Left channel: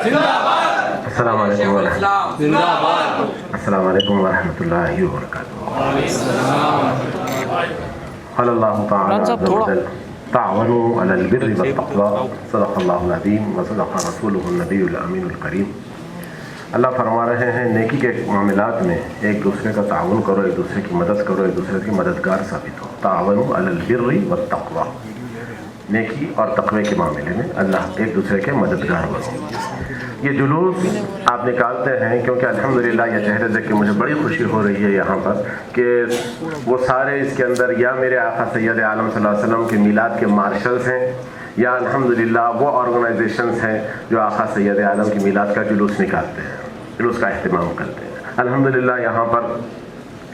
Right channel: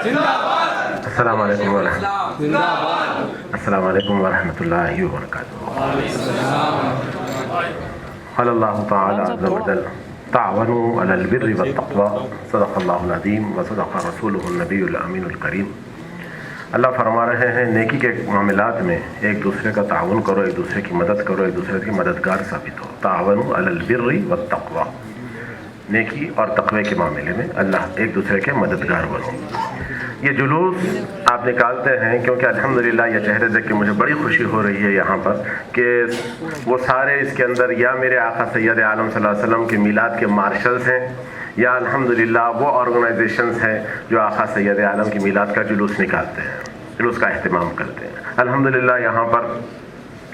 السلام علیکم ورحمۃ اللہ وبرکاتہ۔ قال اللہ تعالی عز وجل تعاونوا علی البر والتقوی صدق اللہ العظیم وصدق رسولہ النبی الامین الکریم۔ اللہ فرما رہے ہیں نیکی کے معاملات میں ایک دوسرے کا تعاون کرو، ایک دوسرے کی مدد کرو، ایک دوسرے کی مددگار ثابت ہو۔ تعاونوا علی البر والتقوی، نیکی اور تقوی کے معاملے میں اللہ ایک دوسرے کے مددگار بنو۔ یہ جلوس آپ نکالتے ہیں کیونکہ الحمدللہ یہ چہرے دیکھ کے مجھے بڑی خوشی ہو رہی ہے یہاں پر کہ وہ سارے اس کے اندر یا میرے آقا سید عالم صلی اللہ علیہ وسلم کے میلاد کے مارشلز ہیں، یا الحمدللہ وہ آرگنائزیشنز ہیں جو آقا سید عالم کی میلاد کا جلوس نکالتے ہیں، جلوس کا اہتمام کرتے ہیں۔ الحمدللہ یہاں پر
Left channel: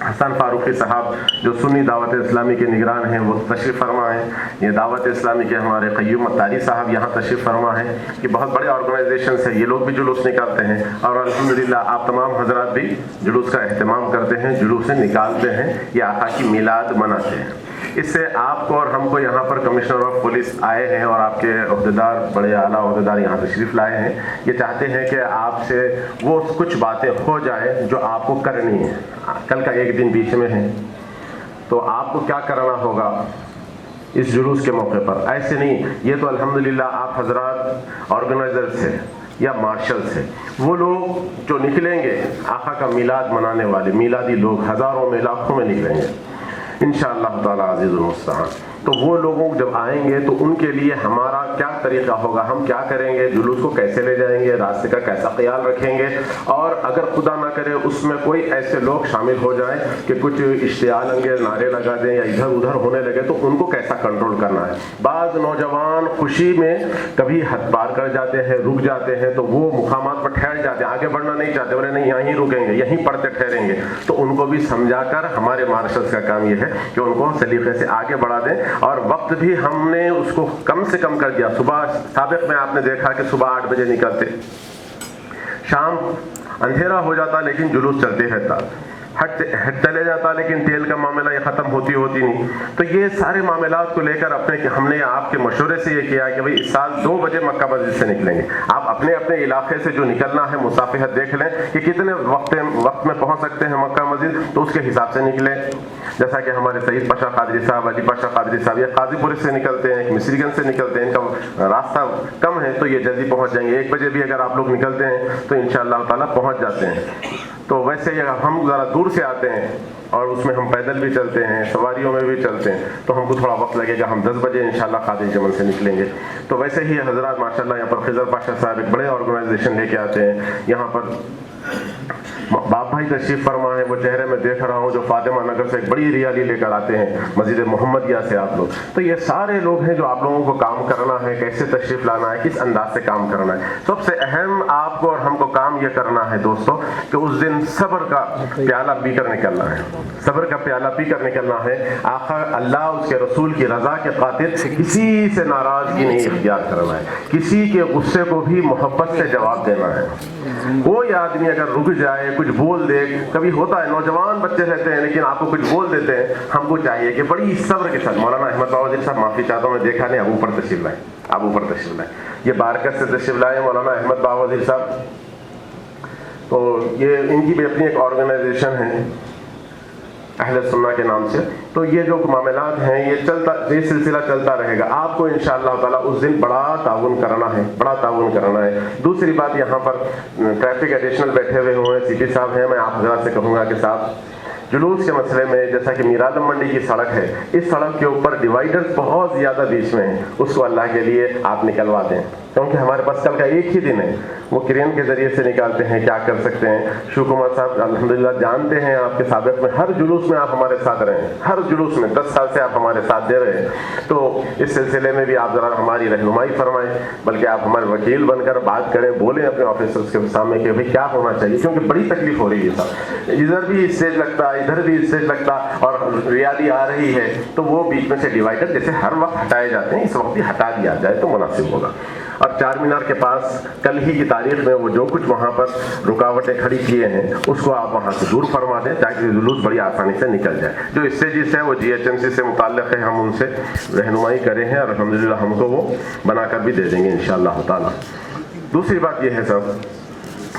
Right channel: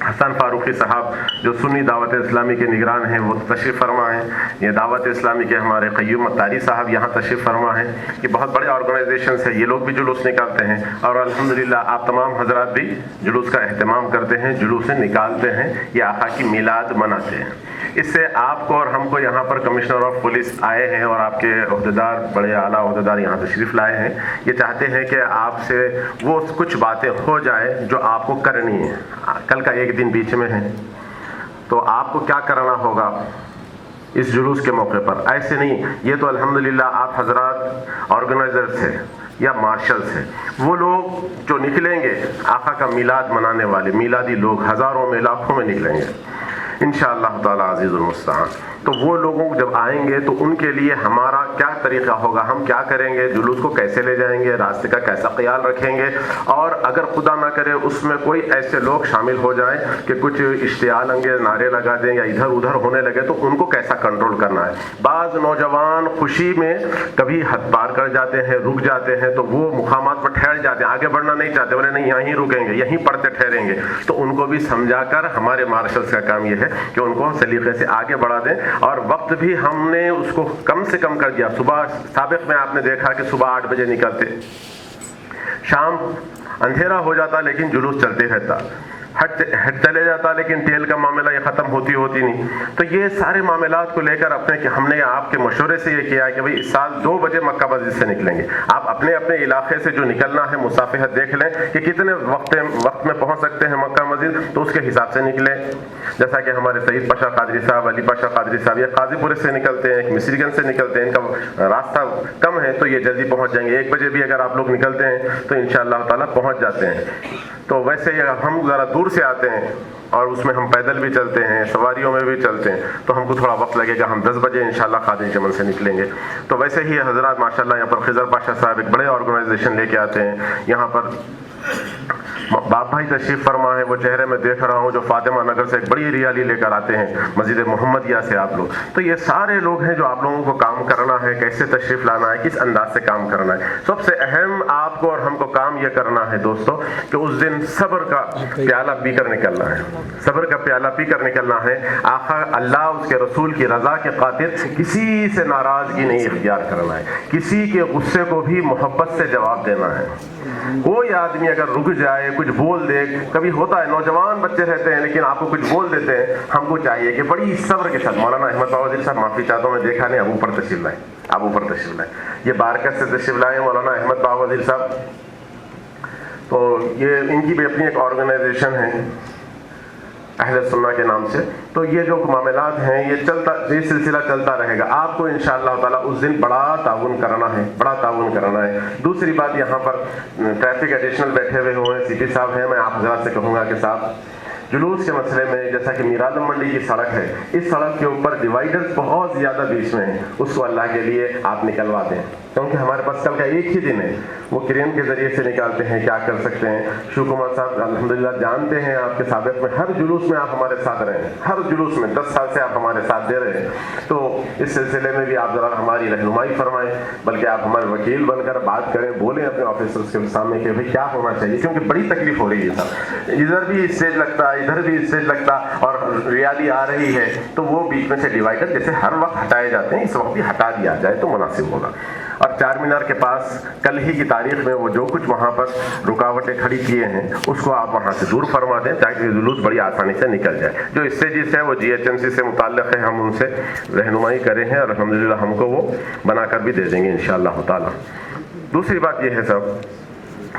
حسن فاروقی صاحب جو سنی دعوت اسلامی کے نگران ہیں وہ تشریف فرما ہیں، یہ دعوت اسلامی کے ہمارے قیوم اتاری صاحب یہاں تشریف فرما ہیں۔ یہ بہت بڑے آرگنائزیشنز ہیں، یہ لوگ بھی جلوس نکالتے ہیں، اور الحمدللہ آپ تمام حضرات بھی جلوس کا اہتمام کرتے ہیں، جلوس نکالتے ہیں، یہ آقا کی میلاد مناتے ہیں۔ اس سے آپ کو اور ہم کو یہاں پر کمشنر آف پولیس آئے ہیں اور آپ کے عہدیدار، بڑے اعلیٰ عہدیدار یہاں تشریف لائے ہیں، یہ چاہتے ہیں کہ آپ سے وہ کچھ باتیں ہو جائیں جو آپ کو کرنی ہیں۔ کل کا ایک دن بیچ میں ہے تو آپ کو کیا کرنا ہوگا اس جلوس کے موقع پر؟ ایسے نہیں، یہ تو الحمدللہ آپ حضرات آرگنائزر سے یا مارشل سے، وہ لوگ جو نکلیں گے آقا کا میلاد منانے والے میلادی لوگ ہزاروں میں لاکھوں میں نکلیں گے انشاءاللہ تعالی عزیز المستعان۔ تو وہ لوگوں جب آئیں گے تو ان کے لیے ہمارا کیا طریقہ ہوگا، ہم کیا کریں گے، جلوس کو کیسے لے جائیں گے، راستے کا کیسا خیال رکھیں گے، اور اگر خدا نہ کرے اس میں کوئی ایسے لوگ شامل ہو جائیں کہ کچھ اشتعال انگیز نعرے لگا دیں یا ادھر ادھر ہونے لگے تو ان کو کیسا کنٹرول کرنا ہے۔ بعض نوجوان خوشی میں کبھی حد پار کر جاتے ہیں، رک جاتے ہیں، تو وہ مقامات پر ٹھہر جاتے ہیں، آگے بڑھنا نہیں چاہتے، بولے نہیں یہیں رکیں گے، یہیں پڑھتے ٹھہریں گے، تو ان کو بھی سمجھا کر ہمارے مارشلز کا کام یہ ہے کہ ان کو سلیقے سے آگے بڑھا دیں، اور وقت بھی ہم نے اس کو کم سے کم کر دیا۔ صبح سابق میں آپ نے دیکھا کہ صبح 8 بجے نکلتے، شام اندھیرا ہو جاتا لیکن جلوس چلتے رہتا، ہٹ چلے جاتا لیکن تیل کا معاملہ یہ ختم ہوتی نہیں۔ تو یہ سارے معاملات کو لے کر ہم نے آپ کے مشورے سے یہ کیا کہ بھئی اس سال 2 بجے مکہ مسجد سے نکلیں گے۔ آپ اپنے اپنے علاقے سے جو نکلنا ہے مصافحت دیکھ لیں کہ کتنے وقت میں پہنچ سکتے ہیں مکہ مسجد، تو اس کے حساب سے نکلیں۔ جیسا کہ ہمارے سعید پاشا قادری صاحب، علی پاشا قادری صاحب یہ قاضی پورے سے نکلتے ہیں، مصری گنج سے نکلتے ہیں، ان کا راستہ کم ہے تو یہ جلدی پہنچ جائیں گے۔ 1 بجے بھی اگر آپ لوگ نکلتے ہیں تو انشاءاللہ تعالیٰ پہنچ جاتے ہیں۔ تو ویسے ہم ذرا دور سے آتے ہیں اور اس میں ہم پیدل بھی چلتے ہیں، سواریوں میں بھی چلتے ہیں، تو ہم کو تھوڑا وقت لگے گا۔ ہم 10 بجے انشاءاللہ قادری جمل سے نکلیں گے۔ تو ویسے ہی حضرات ماشاءاللہ یہاں پر خضر پاشا صاحب ایک بڑے آرگنائزیشن لے کے آتے ہیں، یہاں پر باپ بھائی تشریف فرما ہے، وہ چہرے میں دیکھ رہا ہوں جو فاطمہ نگر سے ایک بڑی ریالی لے کر آتے ہیں، مسجد محمدیہ سے آپ لوگ۔ تو یہ سارے لوگ ہیں جو آپ لوگوں کو کام کرنا ہے، کیسے تشریف لانا ہے، کس انداز سے کام کرنا ہے۔ سب سے اہم آپ کو اور ہم کو کام یہ کرنا ہے دوستو کہ اس دن صبر کا پیالہ پی کر نکلنا ہے، صبر کا پیالہ پی کر نکلنا ہے۔ آخر اللہ اس کے رسول کی رضا کے خاطر کسی سے ناراضگی نہیں اختیار کرنا ہے، کسی کے غصے کو بھی محبت سے جواب دینا ہے۔ کوئی آدمی اگر رک جائے، کچھ بول دے، کبھی ہوتا ہے نوجوان بچے رہتے ہیں لیکن آپ کو کچھ بول دیتے ہیں، ہم کو چاہیے کہ بڑی صبر کے ساتھ، مولانا احمد باوزیر صاحب معافی چاہتا ہوں میں دیکھا نہیں، اب اوپر تشریف لائے، اب اوپر تشریف لائے، یہ بارکت سے تشریف لائے مولانا احمد باوزیر صاحب۔ تو یہ ان کی بھی اپنی ایک آرگنائزیشن ہے اہل سنہ کے نام سے۔ تو یہ جو معاملات ہیں یہ سلسلہ چلتا رہے گا۔ آپ کو انشاءاللہ تعالیٰ اس دن بڑا تعاون کرنا ہے، بڑا تعاون کرنا ہے۔ دوسری بات، یہاں پر ٹریفک ایڈیشنل بیٹھے ہوئے ہوئے ہیں، سی پی صاحب ہیں، میں آپ حضرات سے کہوں گا کہ صاحب جلوس کے مسئلے میں جیسا کہ میرعالم منڈی کی سڑک ہے، اس سڑک کے اوپر ڈیوائیڈر بہت زیادہ بیچ میں ہیں، اس کو اللہ کے لیے آپ نکلوا دیں، کیونکہ ہمارے پاس کل کا ایک ہی دن ہے، وہ کرین کے ذریعے سے نکالتے ہیں، کیا کر سکتے ہیں۔ شیو کمار صاحب الحمدللہ جانتے ہیں آپ کے سابق میں ہر جلوس میں آپ ہمارے ساتھ رہے ہیں، ہر جلوس میں 10 سال سے آپ ہمارے ساتھ دے رہے ہیں، تو اس سلسلے میں بھی آپ ذرا ہماری رہنمائی فرمائیں، بلکہ آپ ہمارے وکیل بن کر بات کریں، بولیں اپنے آفیسرز کے سامنے کہ بھائی کیا ہونا چاہیے، کیونکہ بڑی تکلیف ہو رہی ہے صاحب، ادھر بھی اسٹیج لگتا ہے، ادھر بھی اسٹیج لگتا اور ریالی آ رہی ہے، تو وہ بیچ میں سے ڈیوائڈر جیسے ہر وقت ہٹائے جاتے ہیں اس وقت بھی ہٹا دیا جائے تو مناسب ہوگا۔ اور چار مینار کے پاس کل ہی کی تاریخ میں وہ جو کچھ وہاں پر رکاوٹیں کھڑی کیے ہیں اس کو آپ وہاں سے دور فرما دیں تاکہ جلوس بڑی آسانی سے نکل جائے۔ جو اسٹیجز ہے وہ GHMC سے متعلق ہے، ہم ان سے رہنمائی کرے ہیں اور الحمدللہ ہم کو وہ بنا کر بھی دے دیں گے انشاءاللہ تعالی۔ دوسری بات یہ ہے صاحب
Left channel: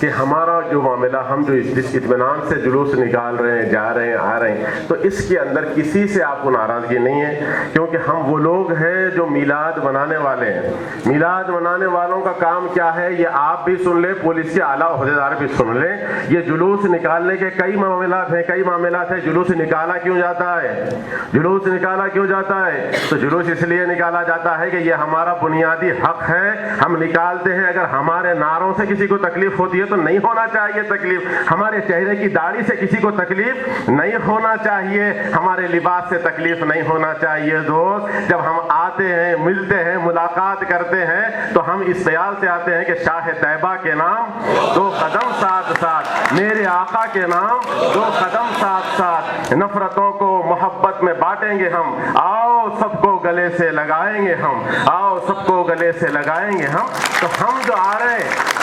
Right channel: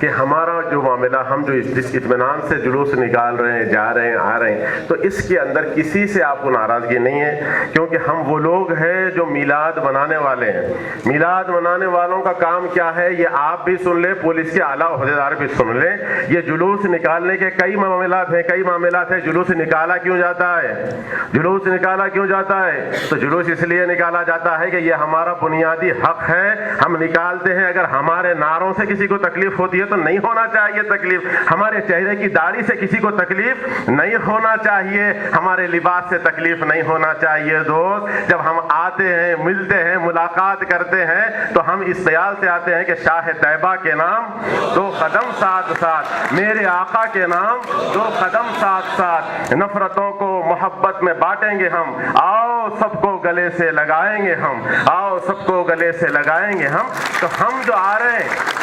کہ ہمارا جو معاملہ، ہم جو جس اطمینان سے جلوس نکال رہے ہیں، جا رہے ہیں، آ رہے ہیں، تو اس کے اندر کسی سے آپ کو ناراضگی نہیں ہے، کیونکہ ہم وہ لوگ ہیں جو میلاد منانے والے ہیں۔ میلاد منانے والوں کا کام کیا ہے، یہ آپ بھی سن لیں، پولیس کے اعلیٰ عہدیدار بھی سن لیں، یہ جلوس نکالنے کے کئی معاملات ہیں۔ جلوس نکالا کیوں جاتا ہے؟ جلوس نکالا کیوں جاتا ہے؟ تو جلوس اس لیے نکالا جاتا ہے کہ یہ ہمارا بنیادی حق ہے، ہم نکالتے ہیں۔ اگر ہمارے نعروں سے کسی کو تکلیف ہوتی ہے تو نہیں ہونا چاہیے تکلیف، ہمارے چہرے کی داڑھی سے کسی کو تکلیف نہیں ہونا چاہیے، ہمارے لباس سے تکلیف نہیں ہونا چاہیے۔ دوست، جب ہم آتے ہیں، ملتے ہیں، ملاقات کرتے ہیں، تو ہم اس خیال سے آتے ہیں کہ شاہ طیبہ کے نام 2 قدم ساتھ ساتھ، میرے آقا کے نام 2 قدم ساتھ ساتھ، نفرتوں کو محبت میں بانٹیں گے ہم، آؤ سب کو گلے سے لگائیں گے ہم، آؤ سب کو گلے سے لگائیں گے ہم۔ تو ہم جو آ رہے ہیں،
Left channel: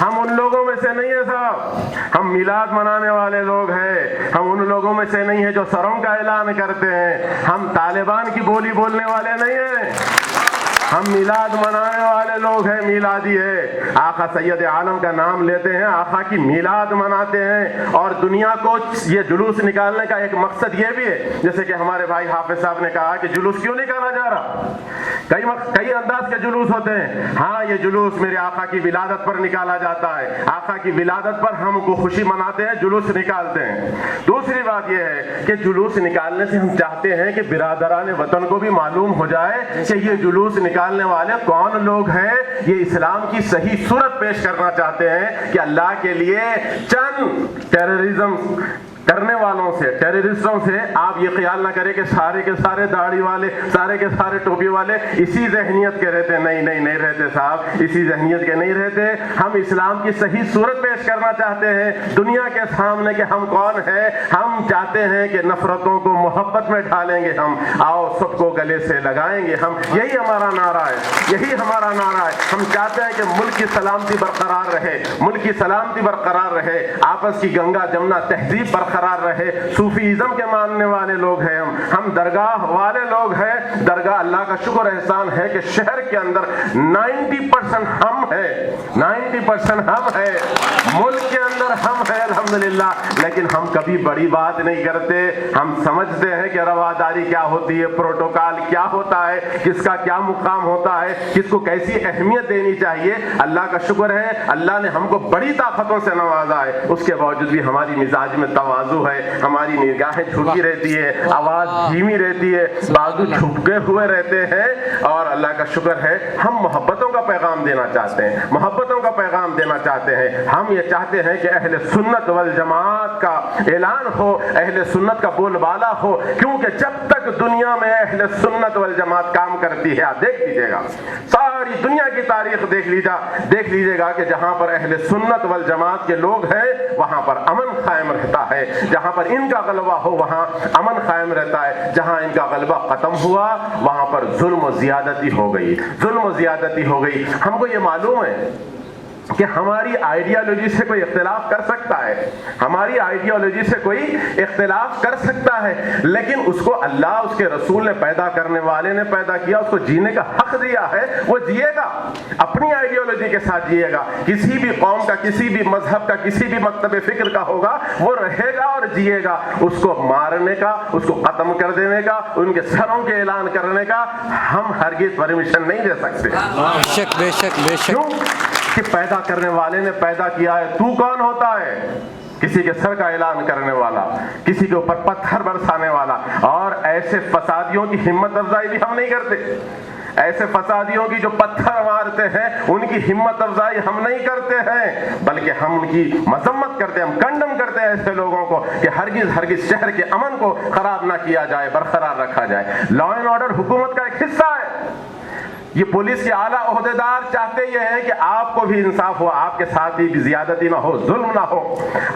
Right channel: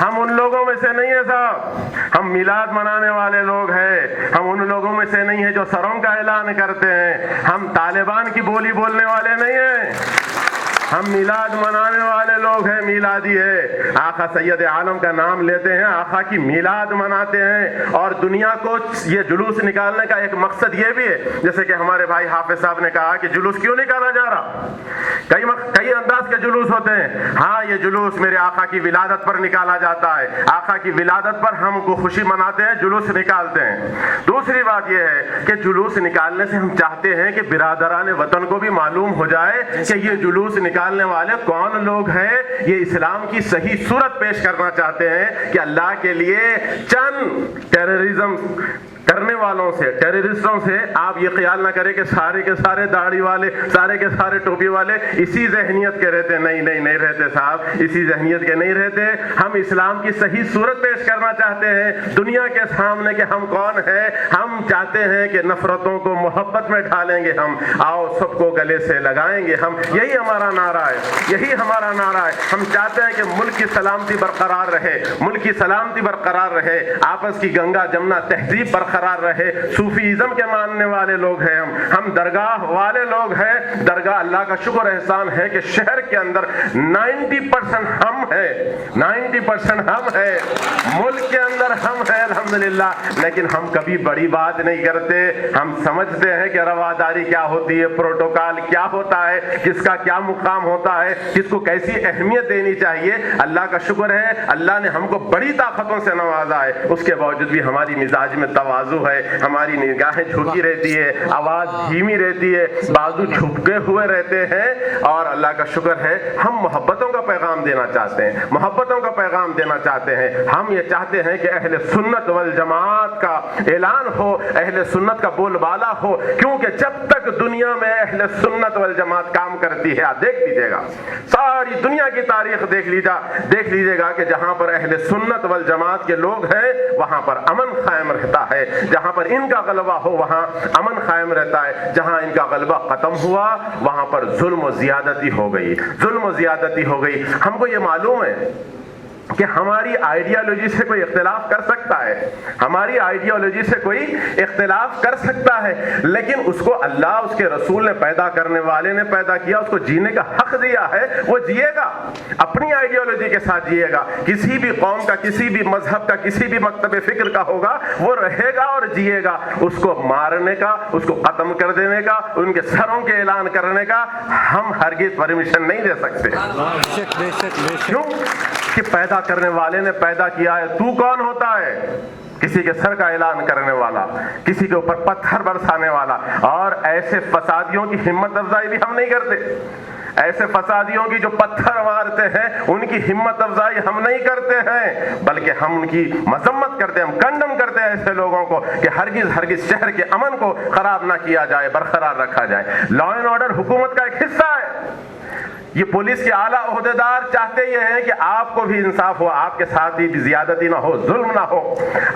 ہم ان لوگوں میں سے نہیں ہیں صاحب، ہم میلاد منانے والے لوگ ہیں، ہم ان لوگوں میں سے نہیں ہیں جو سروں کا اعلان کرتے ہیں، ہم طالبان کی بولی بولنے والے نہیں ہیں، ہم میلاد منانے والے لوگ ہیں، میلادی ہے، آقا سید عالم کا نام لیتے ہیں، آقا کی میلاد مناتے ہیں۔ اور دنیا کو یہ جلوس نکالنے کا ایک مقصد یہ بھی ہے، جیسے کہ ہمارے بھائی حافظ صاحب نے کہا کہ جلوس کیوں نکالا جا رہا، کئی انداز کے جلوس ہوتے ہیں۔ ہاں، یہ جلوس میرے آقا کی ولادت پر نکالا جاتا ہے، آقا کی ولادت پر ہم کو خوشی مناتے ہیں، جلوس نکالتے ہیں۔ دوسری بات یہ ہے کہ جلوس نکالنے سے ہم چاہتے ہیں کہ برادران وطن کو بھی معلوم ہو جائے کہ یہ جلوس نکالنے والے کون لوگ ہیں، یہ اسلام کی صحیح صورت پیش کرنا چاہتے ہیں کہ اللہ کے لیے چند ٹیررزم کرنے والوں سے، ٹیررسٹوں سے آپ یہ خیال نہ کریں کہ سارے کے سارے داڑھی والے، سارے کے سارے ٹوپی والے اسی ذہنیت کے رہتے، نہیں رہتے صاحب، اسی ذہنیت کے نہیں رہتے۔ ہم اسلام کی صحیح صورت پیش کرنا چاہتے ہیں دنیا کے سامنے کہ ہم کون ہیں۔ ہم چاہتے ہیں کہ نفرتوں کو محبت میں ڈھالیں گے ہم، آؤ سب کو گلے سے لگائیں گے ہم، یہی ہمارا نعرہ ہے، یہی ہمارا نعرہ ہے۔ ہم چاہتے ہیں کہ ملک کی سلامتی برقرار رہے، ملک کی سلامتی برقرار رہے، آپس کی گنگا جمنا تہذیب برقرار رہے۔ صوفیزم کے ماننے والے لوگ ہیں ہم درگاہ والے لوگ ہیں۔ درگاہ، اللہ کا شکر احسان ہے کہ شہر کے اندر 90% ہم ہیں، 90% ہم ہیں، ملک کے اندر ہم ہیں الحمدللہ۔ لیکن ہم کبھی بڑی بات نہیں کرتے، ہم سمجھتے ہیں کہ رواداری کیا ہوتی ہے، پروٹوکال کیا ہوتا ہے، کس کا کیا مقام ہوتا ہے، کس کو کیسی اہمیت دینی چاہیے۔ اللہ کا شکر ہے، اللہ نے ہم کو بڑی طاقتوں سے نوازا ہے، اس کے باوجود بھی ہماری مزاج میں تواضع ہے، ہماری نگاہیں جھکی رہتی ہے، آواز دھیمی رہتی ہے، بازو جھکے ہوئے رہتے ہیں۔ اور اللہ کا شکر ہے ہم محبتوں کا پیغام دینا چاہتے ہیں، محبتوں کا پیغام دینا چاہتے ہیں۔ ہم یہ چاہتے ہیں کہ اہل سنت والجماعت کا اعلان ہو، اہل سنت کا بول بالا ہو، کیونکہ جب تک دنیا میں اہل سنت والجماعت کام کرتی ہے، آپ دیکھ لیجیے گا، ساری دنیا کی تاریخ دیکھ لیجیے گا کہ جہاں پر اہل سنت والجماعت کے لوگ ہیں وہاں پر امن قائم رہتا ہے، جہاں پر ان کا غلبہ ہو وہاں امن قائم رہتا ہے، جہاں ان کا غلبہ ختم ہوا وہاں پر ظلم و زیادتی ہو گئی، ظلم و زیادتی ہو گئی۔ ہم کو یہ معلوم ہے کہ ہماری آئیڈیالوجی سے کوئی اختلاف کر سکتا ہے، ہماری آئیڈیالوجی سے کوئی اختلاف کر سکتا ہے، لیکن اس کو اللہ، اس کے رسول نے پیدا کرنے والے نے پیدا کیا، اس کو جینے کا حق دیا ہے، وہ جیے گا، اپنی آئیڈیالوجی کے ساتھ جیے گا، کسی بھی قوم کا، کسی بھی مذہب کا، کسی بھی مکتب فکر کا ہوگا، وہ رہے گا اور جیے گا۔ اس کو مارنے کا، اس کو ختم کر دینے کا، ان کے سروں کے اعلان کرنے کا ہم ہرگز پرمیشن نہیں دے سکتے۔ بے شک کیوں کہ پیدا کرنے والے نے پیدا کیا ہے، تو کون ہوتا ہے؟ کسی کے سر کا اعلان کرنے والا، کسی کے اوپر پتھر برسانے والا۔ اور ایسے فسادیوں کی ہمت افزائی بھی ہم نہیں کرتے، ایسے فسادیوں کی جو پتھر مارتے ہیں ان کی ہمت افزائی ہم نہیں کرتے ہیں، بلکہ ہم ان کی مذمت کرتے ہیں، ہم کنڈم کرتے ہیں ایسے لوگوں کو کہ ہرگز شہر کے امن کو خراب نہ کیا جائے، برقرار رکھا جائے۔ لا اینڈ آرڈر حکومت کا ایک حصہ ہے۔ یہ پولیس کے اعلیٰ عہدیدار چاہتے یہ ہیں کہ آپ کو بھی انصاف ہو، آپ کے ساتھ بھی زیادتی نہ ہو، ظلم نہ ہو،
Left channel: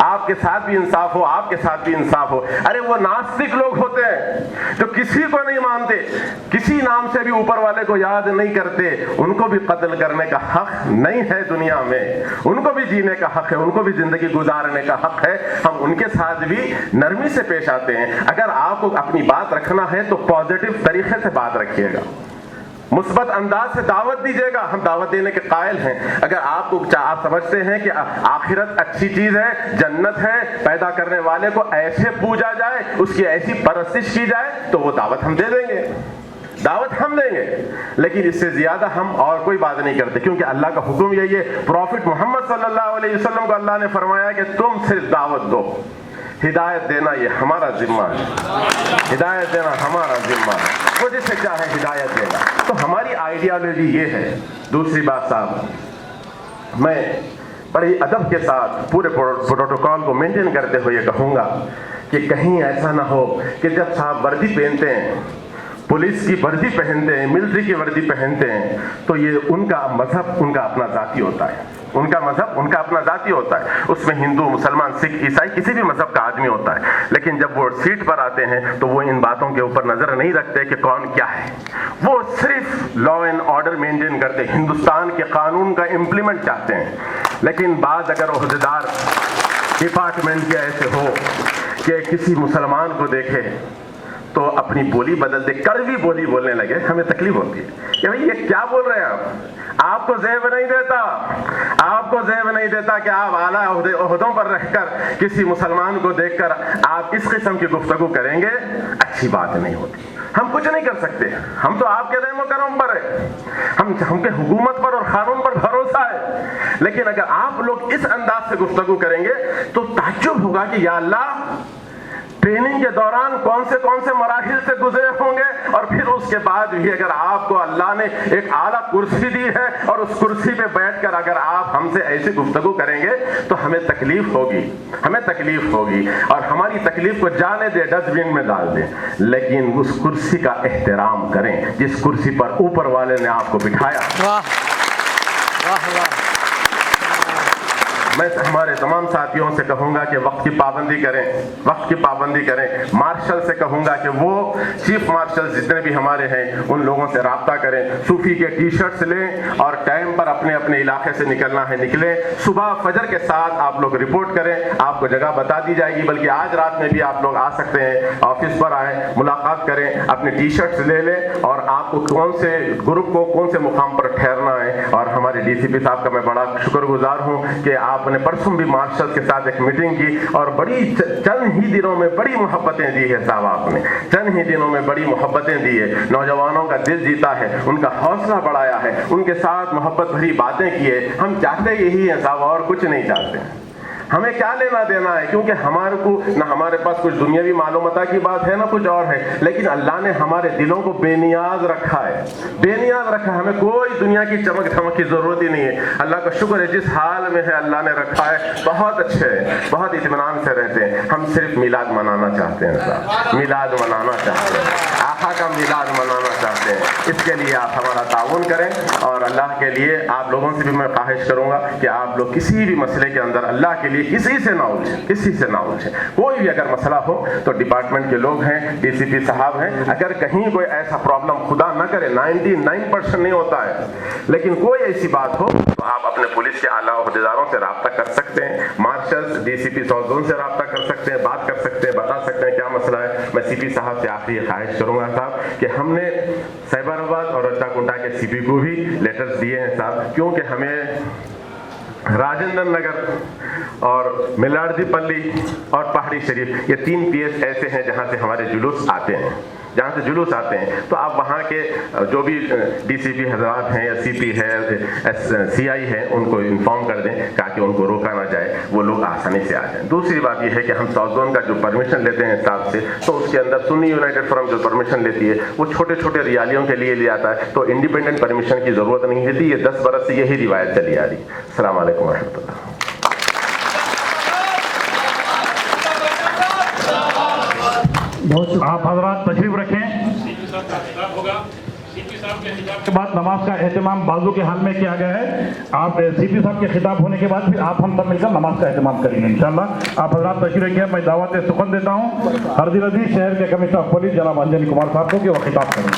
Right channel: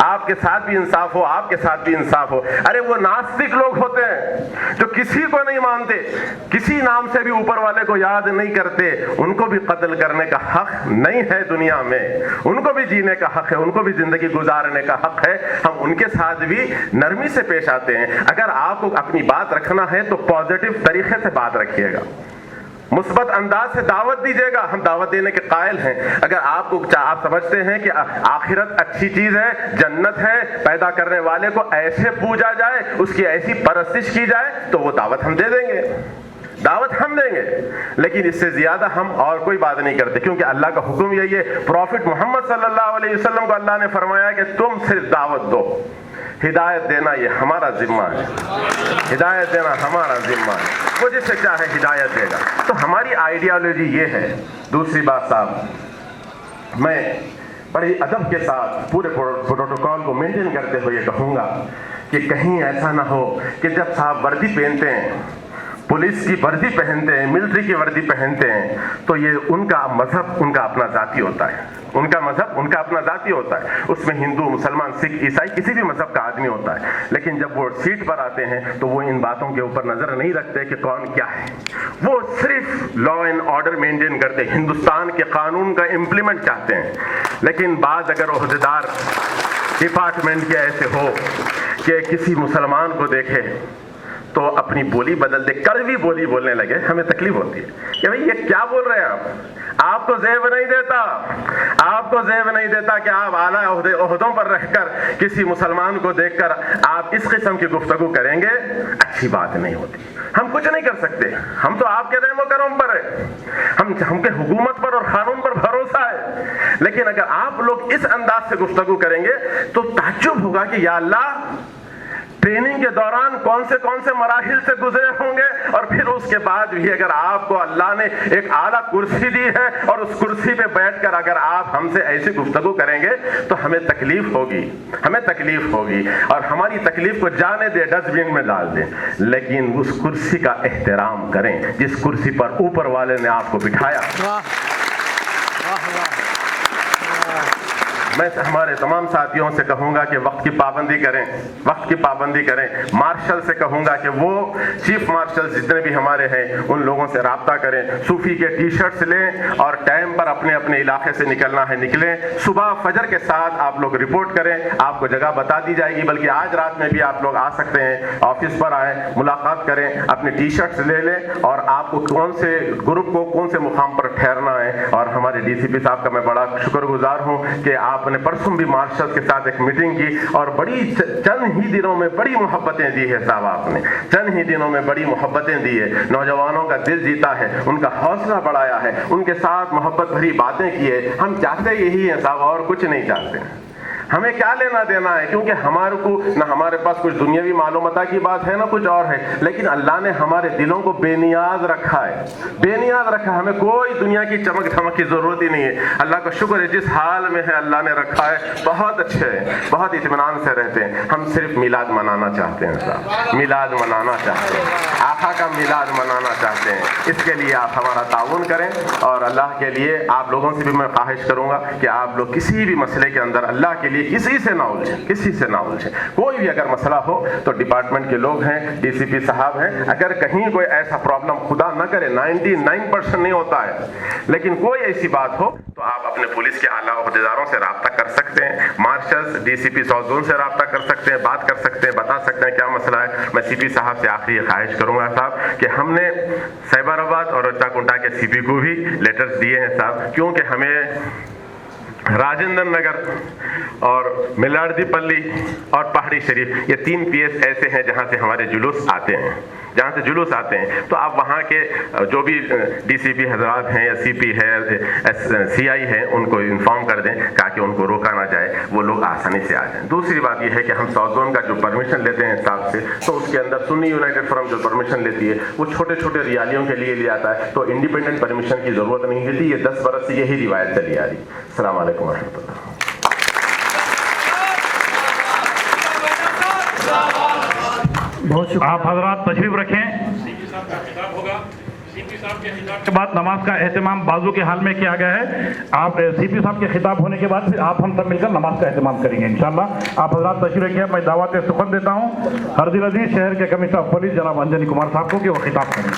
آپ کے ساتھ بھی انصاف ہو، آپ کے ساتھ بھی انصاف ہو۔ ارے وہ ناستک لوگ ہوتے ہیں جو کسی کو نہیں مانتے، کسی نام سے بھی اوپر والے کو یاد نہیں کرتے، ان کو بھی قتل کرنے کا حق نہیں ہے دنیا میں، ان کو بھی جینے کا حق ہے، ان کو بھی زندگی گزارنے کا حق ہے۔ ہم ان کے ساتھ بھی نرمی سے پیش آتے ہیں۔ اگر آپ کو اپنی بات رکھنا ہے تو پازیٹو طریقے سے بات رکھیے گا، مثبت انداز سے دعوت دیجیے گا، ہم دعوت دینے کے قائل ہیں۔ اگر آپ سمجھتے ہیں کہ آخرت اچھی چیز ہے، جنت ہے، پیدا کرنے والے کو ایسے پوجا جائے، اس کی ایسی پرستش کی جائے، تو وہ دعوت ہم دے دیں گے، دعوت ہم دیں گے، لیکن اس سے زیادہ ہم اور کوئی بات نہیں کرتے، کیونکہ اللہ کا حکم یہی ہے۔ پروفٹ محمد صلی اللہ علیہ وسلم کو اللہ نے فرمایا کہ تم صرف دعوت دو، ہدایت دینا یہ ہمارا ذمہ ہے، ہدایت دینا ہمارا ذمہ ہے، وہ جس سے چاہے ہدایت دے گا۔ تو ہماری آئیڈیالوجی یہ ہے۔ دوسری بات صاحب، میں بڑی ادب کے ساتھ پورے پروٹوکول کو مینٹین کرتے ہوئے یہ کہوں گا کہ کہیں ایسا نہ ہو کہ جب صاحب وردی پہنتے ہیں، پولیس کی وردی پہنتے ہیں، ملٹری کی وردی پہنتے ہیں، تو یہ ان کا مذہب ان کا اپنا ذاتی ہوتا ہے، ان کا مذہب ان کا اپنا ذاتی ہوتا ہے، اس میں ہندو، مسلمان، سکھ، عیسائی کسی بھی مذہب کا آدمی ہوتا ہے، لیکن جب وہ سیٹ پر آتے ہیں تو وہ ان باتوں کے اوپر نظر نہیں رکھتے کہ کون کیا ہے، وہ صرف لا اینڈ آرڈر مینٹین کرتے، ہندوستان کے قانون کا امپلیمنٹ چاہتے ہیں۔ لیکن بعض اگر عہدیدار ڈپارٹمنٹ کے ایسے ہو کہ کسی مسلمان کو دیکھے تو اپنی بولی بدل دے، کڑوی بولی بولنے لگے، ہمیں تکلیف ہوتی ہے کہ بھئی یہ کیا بول رہے ہیں آپ کو زیب نہیں دیتا، آپ کو زیب نہیں دیتا کہ آپ اعلیٰ عہدوں پر رہ کر کسی مسلمان کو دیکھ کر آپ اس قسم کی گفتگو کریں گے، اچھی بات نہیں ہوتی۔ ہم کچھ نہیں کر سکتے، ہم تو آپ کے رحم و کرم پر ہے، ہم کے حکومت پر اور قانون پر بھروسہ ہے، لیکن اگر آپ لوگ اس انداز سے گفتگو کریں گے تو تعجب ہوگا کہ یا اللہ ٹریننگ کے دوران کون سے مراحل سے گزرے ہوں گے، اور پھر اس کے بعد بھی اگر آپ کو اللہ نے ایک اعلیٰ کرسی دی ہے اور اس کرسی پہ بیٹھ کر اگر آپ ہم سے ایسی گفتگو کریں گے تو ہمیں تکلیف ہوگی اور ہماری تکلیف کو جانے دے، ڈسٹ بن میں ڈال دیں، لیکن اس کرسی کا احترام کریں جس کرسی پر اوپر والے نے آپ کو بٹھایا۔ میں ہمارے تمام ساتھیوں سے کہوں گا کہ وقت کی پابندی کریں، مارشل سے کہوں گا کہ وہ چیف مارشل جتنے بھی ہمارے ہیں ان لوگوں سے رابطہ کریں، صوفی کے ٹی شرٹس لیں اور ٹائم پر اپنے علاقے سے نکلنا ہے نکلیں، صبح فجر کے ساتھ آپ لوگ رپورٹ کریں، آپ کو جگہ بتا دی جائے گی، بلکہ آج رات میں بھی آپ لوگ آ سکتے ہیں، آفس پر آئیں، ملاقات کریں، اپنے ٹی شرٹس لے لیں اور آپ کو کون سے گروپ کو کون سے مقام پر ٹھہرنا ہے۔ اور ہمارے ڈی سی پی صاحب کا میں بڑا شکر گزار ہوں کہ آپ نے پرسوں بھی مارشل کے ساتھ ایک میٹنگ کی اور بڑی چند ہی دنوں میں بڑی محبتیں دی ہے صاحب، آپ نے چند ہی دنوں میں بڑی محبتیں دی ہے، نوجوانوں کا دل جیتا ہے، ان کا حوصلہ بڑھایا ہے، ان کے ساتھ محبت بھری باتیں کی ہے۔ ہم چاہتے یہی ہیں صاحب، اور کچھ نہیں چاہتے ہیں۔ ہمیں کیا لینا دینا ہے، کیونکہ ہمارے کو نہ ہمارے پاس کچھ دنیاوی معلومات کی بات ہے نہ کچھ اور ہے، لیکن اللہ نے ہمارے دلوں کو بے نیاز رکھا ہے، بے نیاز رکھا ہے، ہمیں کوئی دنیا کی چمک دھمک کی ضرورت ہی نہیں ہے۔ اللہ کا شکر ہے جس حال میں ہے اللہ نے رکھا ہے، بہت اچھے ہیں، بہت اطمینان سے رہتے ہیں۔ ہم صرف میلاد منانا چاہتے ہیں صاحب، میلاد منانا چاہتے ہیں، آقا کا میلاد منانا چاہتے ہیں، اس کے لیے آپ ہمارا تعاون کریں، اور اللہ کے لیے آپ لوگوں سے بھی میں خواہش کروں گا کہ آپ لوگ کسی بھی مسئلے کے اندر اللہ کے لیے کسی سے نہ الجھیں، کوئی بھی اگر مسئلہ ہو تو ڈپارٹمنٹ کے لوگ ہیں، ڈی سی پی صاحب ہیں، اگر کہیں کوئی ایسا پرابلم خدا نہ کرے، 99% نہیں ہوتا ہے، لیکن کوئی ایسی بات ہو تو آپ اپنے پولیس کے اعلیٰ عہدیداروں سے رابطہ کر سکتے ہیں، مارشلز ڈی سی پی ساؤتھ زون سے رابطہ کر سکتے ہیں، بات کر سکتے ہیں، بتا سکتے ہیں کیا مسئلہ ہے۔ میں سی پی صاحب سے آخری خواہش کروں گا صاحب کہ ہم نے سیبر آباد اور رچا کنٹا کے سی پی کو بھی لیٹرز دیے ہیں صاحب، کیونکہ ہمیں راجندر نگر اور ملاردی پلی اور پہاڑی شریف یہ 3 پی ایس ایسے ہیں جہاں سے ہمارے جلوس آتے ہیں، تو آپ وہاں کے جو بھی ڈی سی پی حضرات ہیں یا سی پی ہے، سی آئی ہے، ان کو انفارم کر دیں تاکہ ان کو روکا نہ جائے، وہ لوگ آسانی سے آ جائیں۔ دوسری بات یہ ہے کہ ہم ساؤتھ زون کا جو پرمیشن لیتے ہیں صاحب سے، تو اس کے اندر سنی یونائٹڈ فرم جو پرمیشن لیتی ہے وہ چھوٹے ریالیوں کے لیے لیا جاتا ہے، تو انڈیپینڈنٹ پرمیشن کی ضرورت نہیں ہوتی، یہ 10 برس سے یہی روایت چلی آ رہی۔ السلام علیکم و رحمۃ اللہ۔ آپ حضرات تشریف رکھیں۔ کے بعد نماز کا اہتمام بازو کے حال میں کیا گیا ہے، آپ سی پی صاحب کے خطاب ہونے کے بعد پھر آپ ہم سب مل کر نماز کا اہتمام کریں گے انشاءاللہ۔ آپ حضرات تشریف رکھیں۔ میں دعوت سخن دیتا ہوں حرزل عزیز شہر کے کمشنر آف پولیس جناب انجنی کمار صاحب کو کہ وہ خطاب کریں۔